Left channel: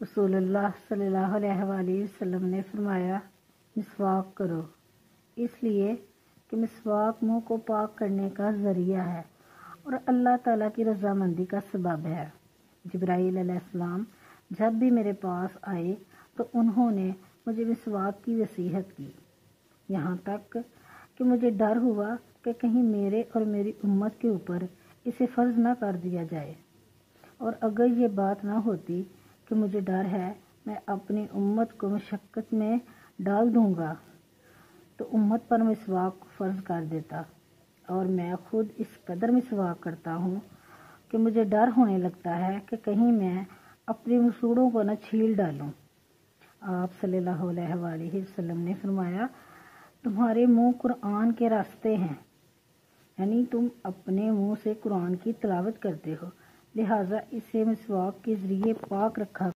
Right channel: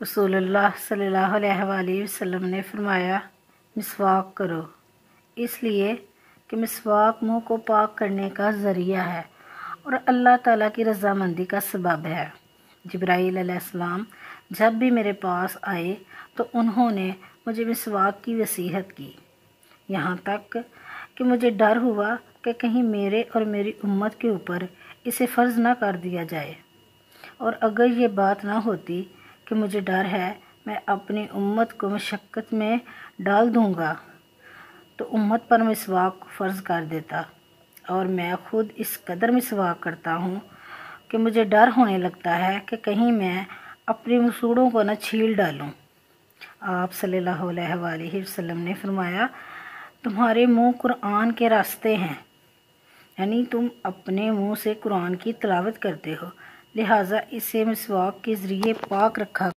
रसूलुल्लाह सल्लल्लाहु अलैहि वसल्लम ने फरमाया, मिसवाक करो, इसलिए कि मिसवाक मुंह को पाक करने का ज़रिया है और अल्लाह ताला की रज़ामंदी का सबब है। जिब्राईल अलैहिस्सलाम जब भी मेरे पास आए तो उन्होंने मुझे मिसवाक की वसीहत की, यहाँ तक कि मुझे डर हुआ कि कहीं मेरे और मेरी उम्मत के ऊपर इसे फ़र्ज़ ना कर दिया जाए, और अगर ये बात ना होती कि मुझे डर है मैं अपनी उम्मत को मशक्क़त में डाल दूँगा तो उम्मत पर मिसवाक को फ़र्ज़ कर देता। और मैं ख़ुद इस कदर मिसवाक करता हूँ कि मुझे डर होने लगता है कि कहीं मैं अपनी मसूड़ों को न छील डालूँ। आप सल्लल्लाहु अलैहि वसल्लम ने फरमाया, तुम्हारे मुँह कुरान के रास्ते हैं, यानी तुम अपने मुँह से कुरान की तिलावत करते हो, लिहाजा इसे मिसवाक के ज़रिए पाक रखा।